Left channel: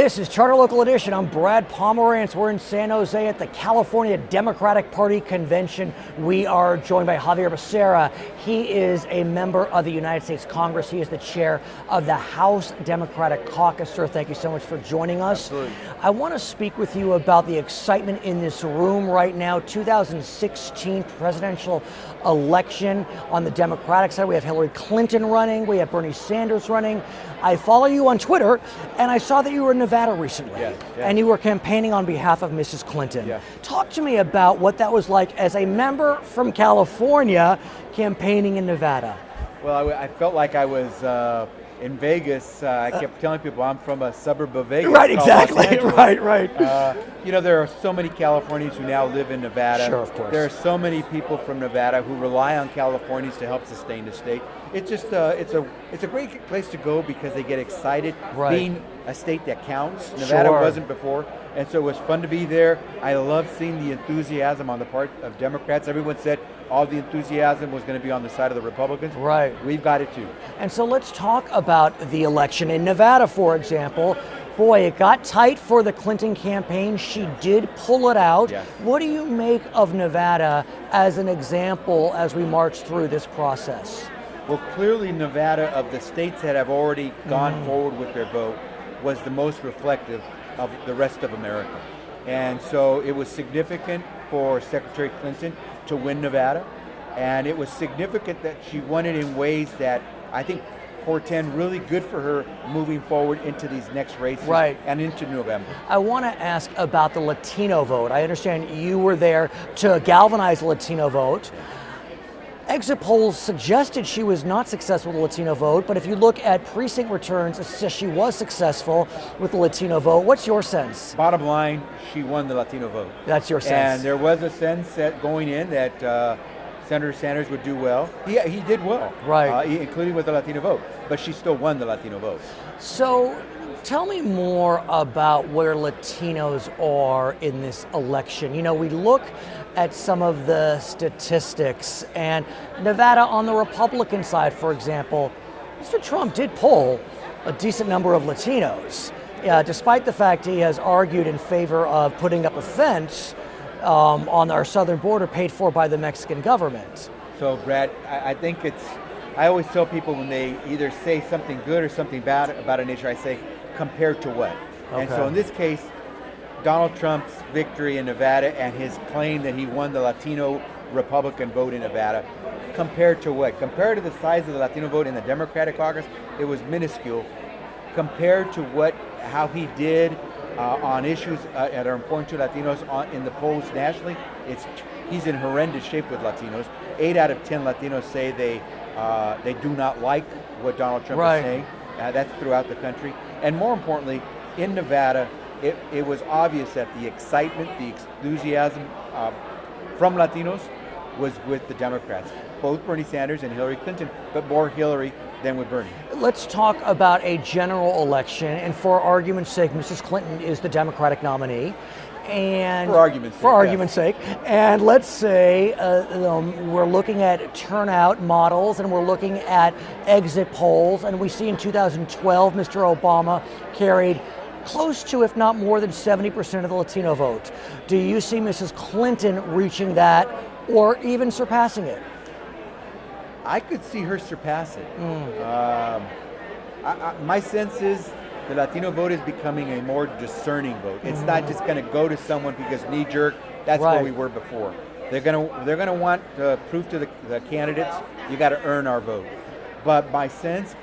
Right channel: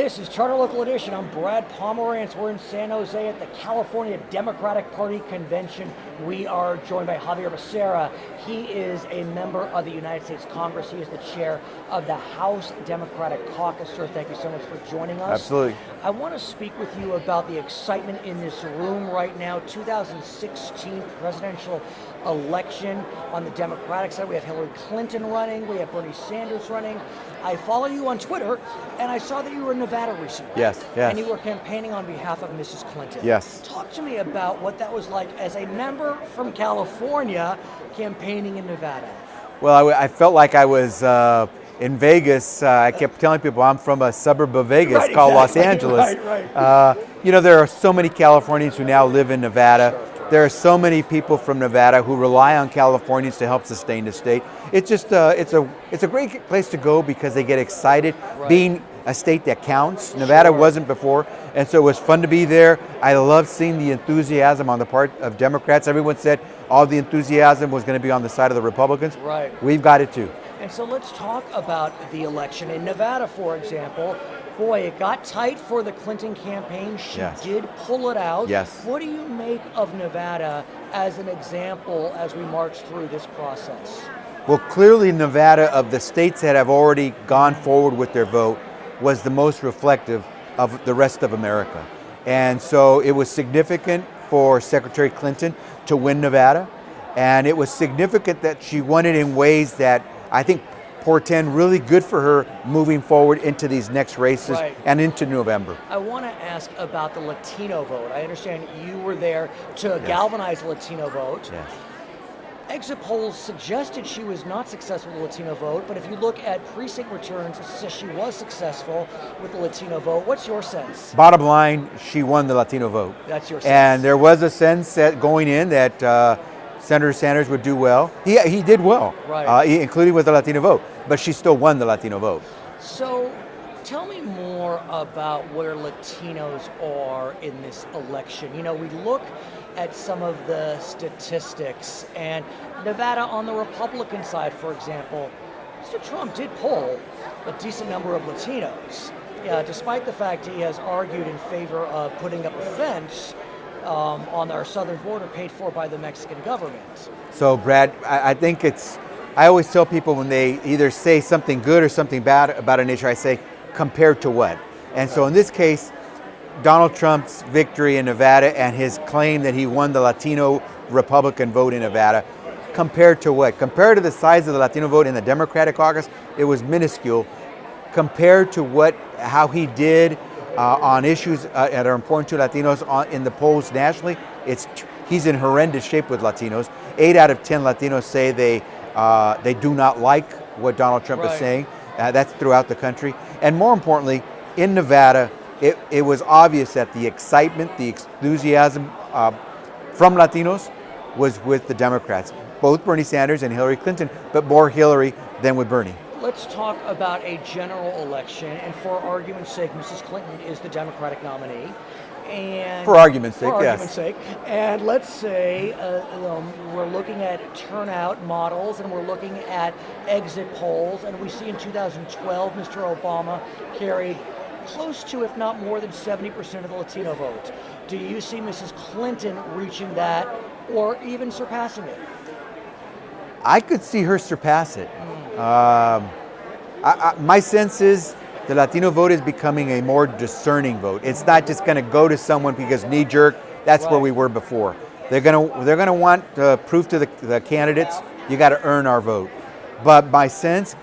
This is Charter Local Edition. I'm Brad Pomerance. We're in San Jose at the California Democratic Party Convention. We are joined by Xavier Becerra. He is a member of the United States Congress. He is the chair of the House Democratic Caucus. Sir, thank you so much for joining us. Absolutely. I want to speak with you about the excitement in this room right now. 2016 presidential election on the Democratic side. We have Hillary Clinton running. We have Bernie Sanders running. I follow you on Twitter, and I saw that you were in Nevada recently. Yes. And you were campaigning on behalf of Mrs. Clinton. Yes. Talk to me about what that was like as a member from California campaigning in Nevada. Well, I felt like I was in Vegas. I kept telling people I'm from a suburb of Vegas called exactly. Los Angeles. Right. There are so many Californians who now live in Nevada. Sure, of course. There are so many people from Nevada who rely on Californians to help sustain the state. It's just it's a great place to go because they get excited being a state that counts. Nevada wasn't before, and so it was fun to be there. I love seeing the enthusiasm on the part of Democrats. Everyone said all the enthusiasm was going to be on the side of the Republicans. Right. We've got it too. And so let's talk about the election. In Nevada, for example, boy, it got tight for the Clinton campaign. She did pull it out. Yes. What do you make of Nevada as an example as we march through this process? Well, clearly Nevada, of the states that have already gone forward with their vote, was the most reflective of the rest of America. And so it was significant for Secretary Clinton to win Nevada. And it was significant that she won it in ways that I think portend really good for her moving forward into these next races and into November. I want to ask about the Latino vote. I understand you were there to galvanize the Latino vote. Yes. Exit polls suggested she was not successful with the Latino vote, but if you look at precinct returns, it says she was successful with the Latino vote. What's your sense? Bottom line, she won the Latino vote. That's your sense. And there was a sense that going in that Senator Sanders would do well. He did well, including with the Latino vote, but she still won the Latino vote. So tell me more about where Latinos are in this election. You know, we look at some of the statistics, and Nevada on the Republican side, for example, Mr. Trump did poll a decent number of Latinos, despite the fact he has argued in favor of putting up a fence on our southern border paid for by the Mexican government. So, Brad, I think I always tell people when they either say something good or something bad about an issue, I say, compared to what? And so in this case, Donald Trump's victory in Nevada and his claim that he won the Latino Republican vote in Nevada, compared to what? Compared to the size of the Latino vote in the Democratic caucus, it was minuscule. Compared to how he did on issues that are important to Latinos in the polls nationally, he's in horrendous shape with Latinos. 8 out of 10 Latinos say they do not like what Donald Trump is saying. That's throughout the country. And more importantly, in Nevada, it was obvious that the excitement, the enthusiasm from Latinos was with the Democrats, both Bernie Sanders and Hillary Clinton, but more Hillary than with Bernie. Let's talk about a general election, and for argument's sake, Mrs. Clinton is the Democratic nominee. And for argument's sake, For argument's sake. And let's say we're looking at turnout models and we're looking at exit polls, and we see in 2012 Mr. Obama carried close to, if not more than 70% of the Latino vote. Do you see Mrs. Clinton reaching that or even surpassing it? I could see her surpass it. My sense is the Latino vote is becoming a more discerning vote. It's not just going to go to someone because knee-jerk. That's where we were before. They're going to want proof to the candidates. You got to earn our vote. But my sense,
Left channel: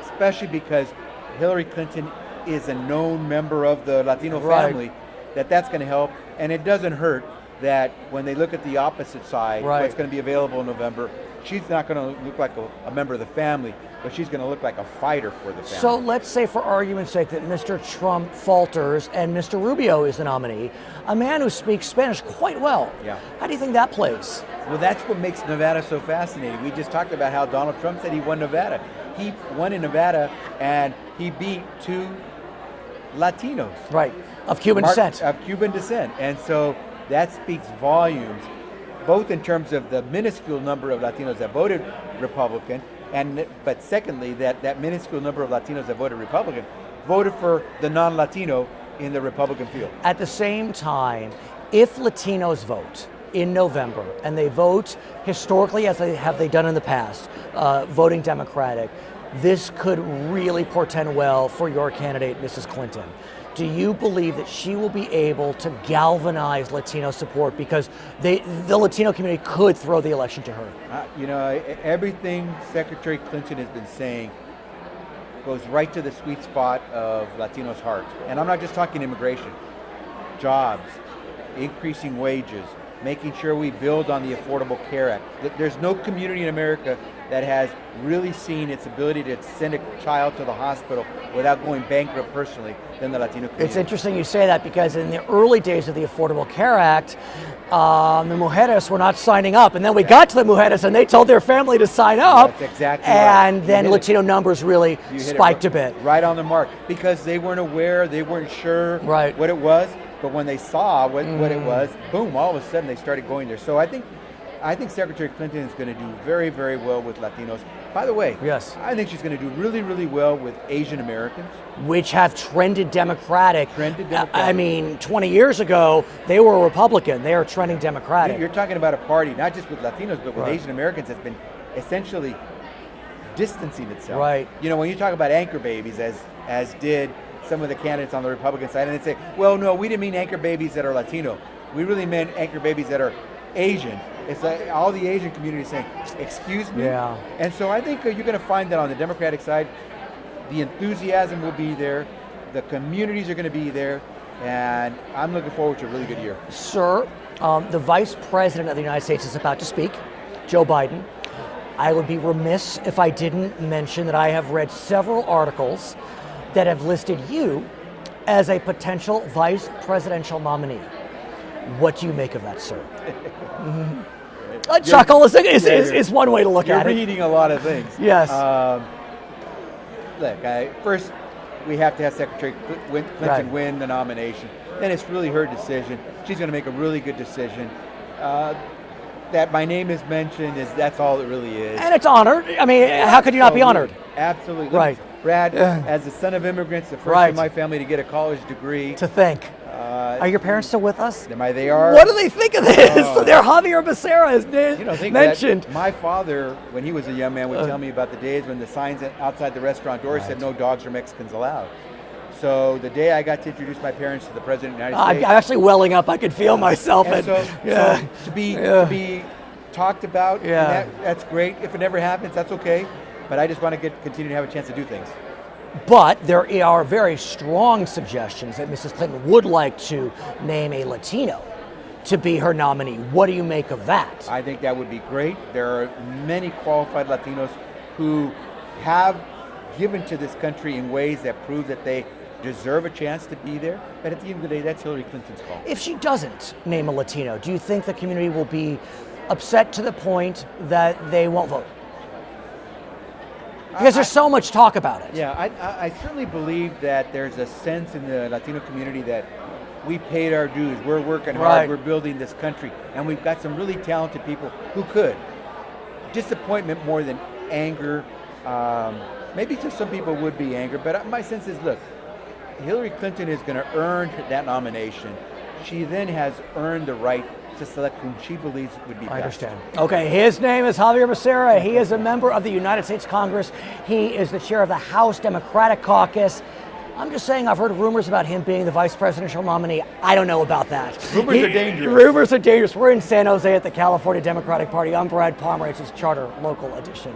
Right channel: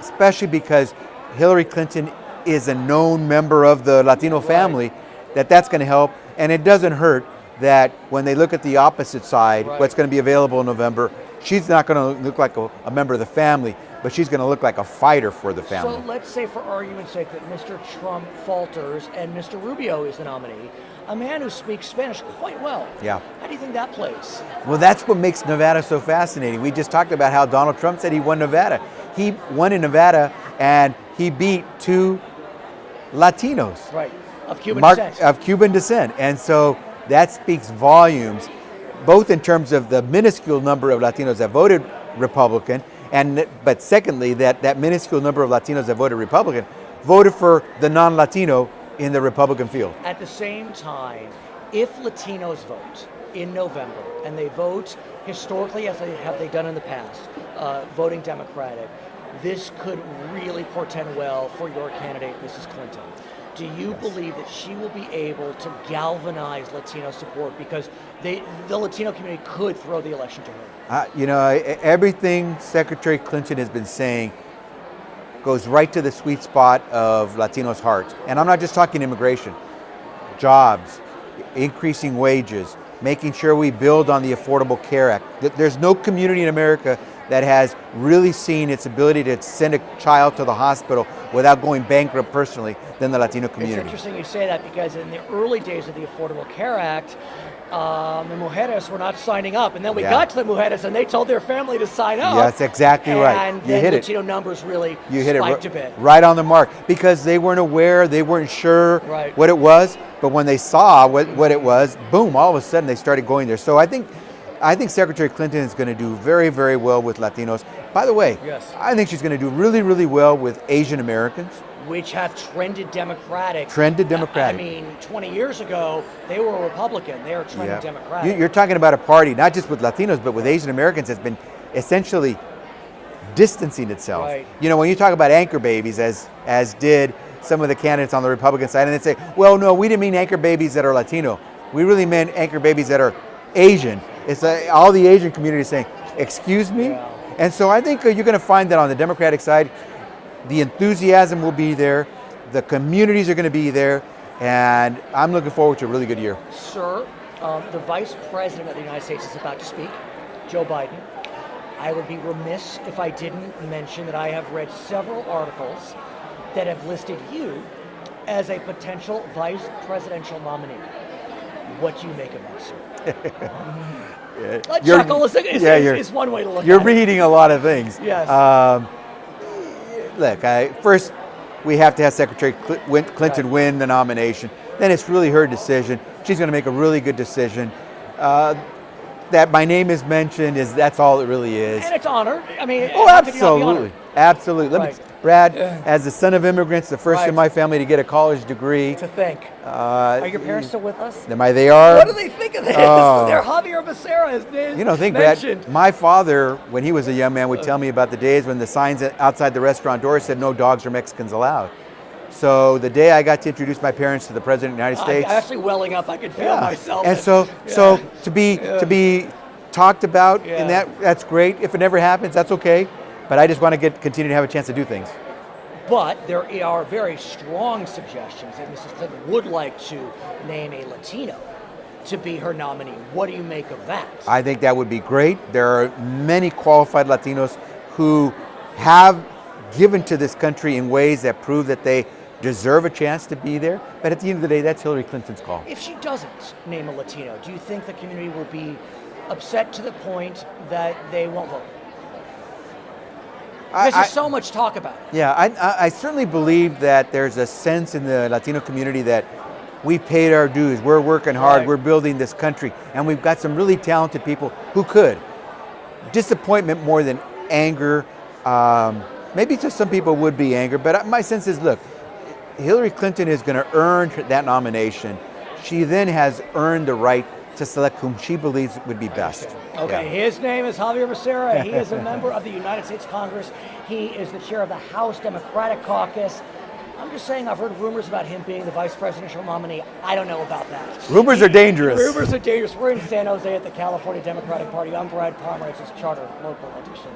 especially because Hillary Clinton is a known member of the Latino family, that's going to help. And it doesn't hurt that when they look at the opposite side, what's going to be available in November, she's not going to look like a member of the family, but she's going to look like a fighter for the family. So let's say, for argument's sake, that Mr. Trump falters and Mr. Rubio is the nominee, a man who speaks Spanish quite well. Yeah. How do you think that plays? Well, that's what makes Nevada so fascinating. We just talked about how Donald Trump said he won Nevada. He won in Nevada, and he beat 2 Latinos. Right, of Cuban descent. Of Cuban descent. And so that speaks volumes, both in terms of the minuscule number of Latinos that voted Republican, but secondly, that minuscule number of Latinos that voted Republican voted for the non-Latino in the Republican field. At the same time, if Latinos vote in November and they vote historically as they done in the past, voting Democratic, this could really portend well for your candidate, Mrs. Clinton. Do you believe that she will be able to galvanize Latino support because the Latino community could throw the election to her? Everything Secretary Clinton has been saying goes right to the sweet spot of Latinos' hearts. And I'm not just talking immigration, jobs, increasing wages, making sure we build on the Affordable Care Act. There's no community in America that has really seen its ability to send a child to the hospital without going bankrupt personally than the Latino community. It's interesting you say that because in the early days of the Affordable Care Act, the mujeres were not signing up. And then we got to the mujeres and they told their family to sign up. That's exactly right. And then Latino numbers really spiked a bit. Right on the mark. Because they weren't aware, they weren't sure what it was. But when they saw what it was, boom, all of a sudden they started going there. So I think Secretary Clinton is going to do very, very well with Latinos. By the way, I think she's going to do really, really well with Asian Americans. Which have trended Democratic. I mean, 20 years ago, they were Republican. They are trending Democratic. You're talking about a party, not just with Latinos, but with Asian Americans that's been essentially distancing itself. Right. When you talk about anchor babies, as did some of the candidates on the Republican side, and they say, well, no, we didn't mean anchor babies that are Latino. We really meant anchor babies that are Asian. It's like all the Asian community is saying, excuse me? Yeah. And so I think you're going to find that on the Democratic side, the enthusiasm will be there, the communities are going to be there, and I'm looking forward to a really good year. Sir, the Vice President of the United States is about to speak, Joe Biden. I would be remiss if I didn't mention that I have read several articles that have listed you as a potential vice presidential nominee. What do you make of that, sir? A chuckle is one way to look at it. You're reading a lot of things. Yes. Look, first we have to have Secretary Clinton win the nomination. Then it's really her decision. She's going to make a really good decision. That my name is mentioned, that's all it really is. And it's honored. I mean, how could you not be honored? Absolutely. Brad, as the son of immigrants, the first in my family to get a college degree. To think. Are your parents still with us? They are. What do they think of this? They're Xavier Becerra is mentioned. Brad, my father, when he was a young man, would tell me about the days when the signs outside the restaurant door said no dogs or Mexicans allowed. So the day I got to introduce my parents to the President of the United States. I'm actually welling up. I could feel myself. And so to be talked about, and that's great. If it never happens, that's okay. But I just want to continue to have a chance to do things. But there are very strong suggestions that Mrs. Clinton would like to name a Latino to be her nominee. What do you make of that? I think that would be great. There are many qualified Latinos who have given to this country in ways that prove that they deserve a chance to be there. But at the end of the day, that's Hillary Clinton's call. If she doesn't name a Latino, do you think the community will be upset to the point that they won't vote? Because there's so much talk about it. Yeah, I certainly believe that there's a sense in the Latino community that we paid our dues, we're working hard, we're building this country, and we've got some really talented people who could. Disappointment more than anger. Maybe to some people would be anger, but my sense is, look, Hillary Clinton is going to earn that nomination. She then has earned the right to select whom she believes would be best. Okay, his name is Xavier Becerra. He is a member of the United States Congress. He is the chair of the House Democratic Caucus. I'm just saying I've heard rumors about him being the vice presidential nominee. I don't know about that. Rumors are dangerous. Rumors are dangerous. We're in San Jose at the California Democratic Party. I'm Brad Pomerance's Charter Local Edition.